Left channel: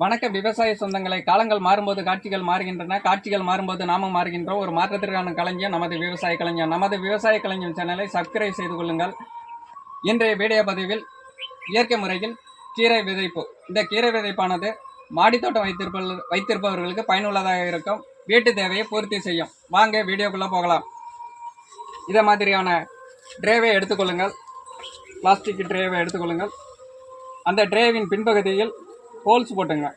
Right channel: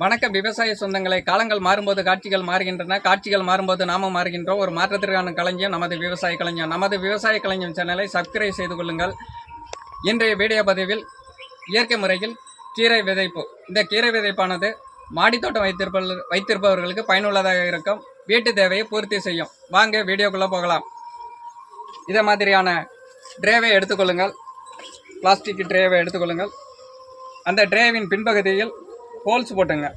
வணக்கம். விவசாய சொந்தங்களை காலங்கள் மாறும்போது காட்சிகள் மாறுகின்றன. காட்சிகள் மாறும்போது நாமும் மாறுகின்றோம். ஒரு மாற்றத்திற்கான கலைஞர் நமது விவசாய கலைஞர் நமது விவசாய கலைஞர் சேனலை சப்ஸ்கிரைப் செய்து கொள்ளுங்கள். இன்றைய வீடியோ பதிவில் இயற்கை முறையில் கீரை விதைப்பு. இந்த கீரை விதைப்பானது மாடித்தோட்டம் வைத்திருப்பவர் வைத்திருப்பவர்களுக்கு பயனுள்ளதாக இருக்கும். வீட்டு தேவையை பூர்த்தி செய்யும். வாங்க வீடியோக்குள்ளே போகலாம். இதே மாதிரியான ட்ரேவை எடுத்துக்கொள்ளுங்கள் பிளாஸ்டிக் ட்ரேவை எடுத்துக்கொள்ளுங்கள் அந்த ட்ரேவின் பின்பகுதியில் ஹோல்ஸ் போட்டுங்க.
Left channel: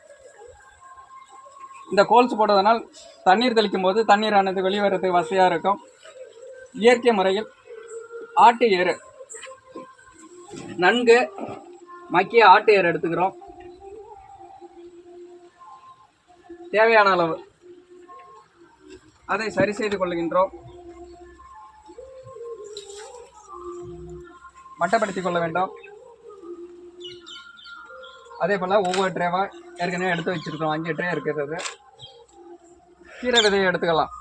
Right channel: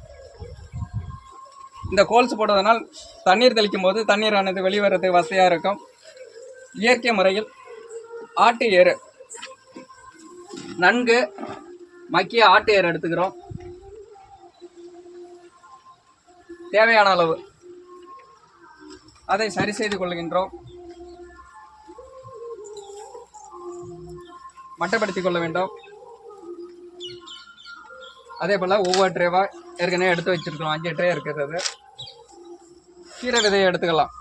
இந்த ஹோல்ஸ் போடுவதனால் தண்ணீர் தெளிக்கும் போது தண்ணீரானது வெளிவரதுக்கு வசதியாக இருக்கும். இயற்கை முறையில் ஆட்டு ஏறு. நன்கு மக்கிய ஆட்டு ஏறு எடுத்துக்கிறோம். தேவையான அளவு. அதை சரி செய்து கொள்கின்றோம். மட்டப்படுத்திக் கொள்ள வேண்டும். அதே போல் ஒவ்வொரு ட்ரேவாக ஏற்கனவே எடுத்து வச்சுருக்கோம். அஞ்சு ட்ரே இருக்கிறது கீரை விதையை எடுத்துக்கலாம்.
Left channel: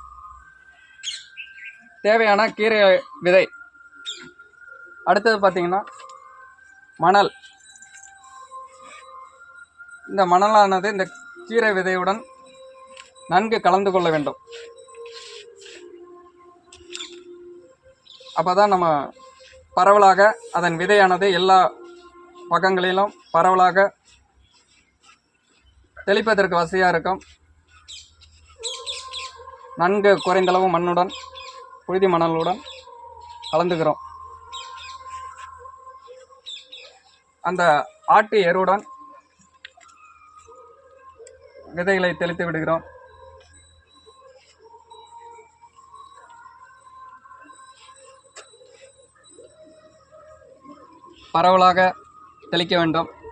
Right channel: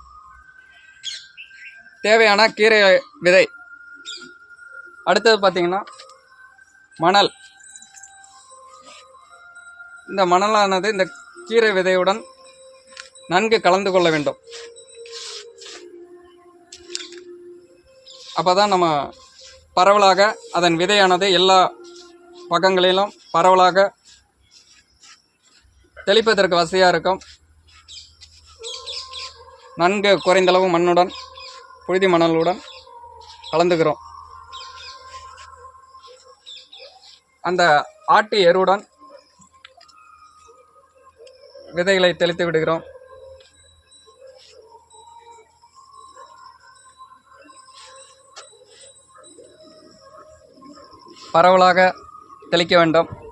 தேவையான கீரை விதை. அடுத்தது பார்த்திங்கன்னா மணல். இந்த மணலானது இந்த கீரை விதையுடன் நன்கு கலந்து கொள்ள வேண்டும். அப்போ தான் நம்ம பரவலாக அதன் விதையானது எல்லா பக்கங்களிலும் பரவலாக தெளிப்பதற்கு வசதியாக இருக்கும். நன்கு குறைந்தளவு மண்ணுடன் புழுதி மணலுடன் கலந்துக்கிறோம். அந்த ஆட்டு எருவுடன் விதைகளை தெளித்து விடுகிறோம். பரவலாக தெளிக்க வேண்டும்.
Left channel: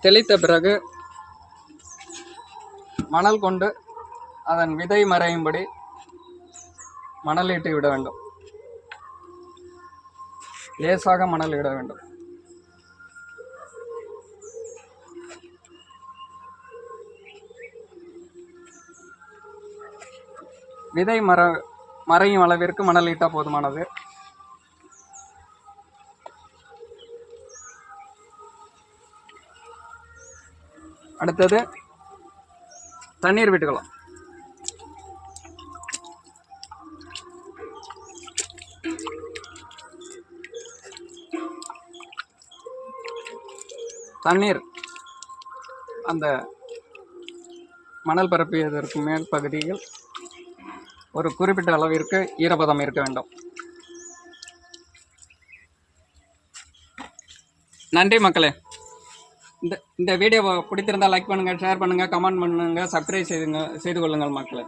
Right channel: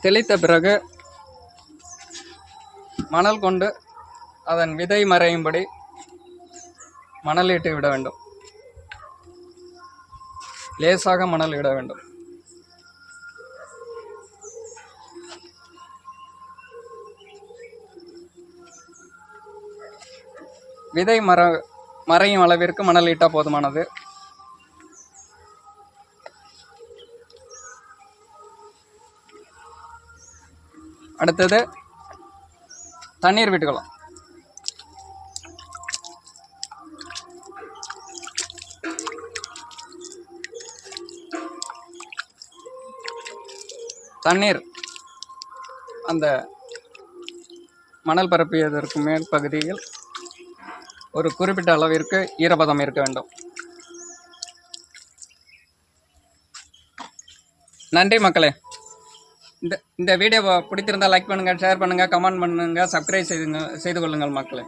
தெளித்த பிறகு மணல் கொண்டு அதன் விதை மறையும்படி மணலிட்டு விட வேண்டும். லேசாக மணல் இட வேண்டும். விதை மர மறையும் அளவிற்கு மணல் போதுமானது. அடுத்தது தண்ணீர் விட்டுக்கலாம். தண்ணீர் அந்த மணல் பரப்பியதற்கு மேல் பகுதியில் ஒரு குறிப்பிட்ட அளவிற்கு ஈரப்பதம் இருக்க வேண்டும். நன்றி மக்களே. இந்த இந்த வீடியோ பிடித்திருந்தால் லைக் பண்ணுங்கள் ஷேர் பண்ணுங்கள் கமெண்ட் பண்ணுங்கள் சப்ஸ்கிரைப் செய்துங்க செய்து கொள்ளுங்கள் மக்களை.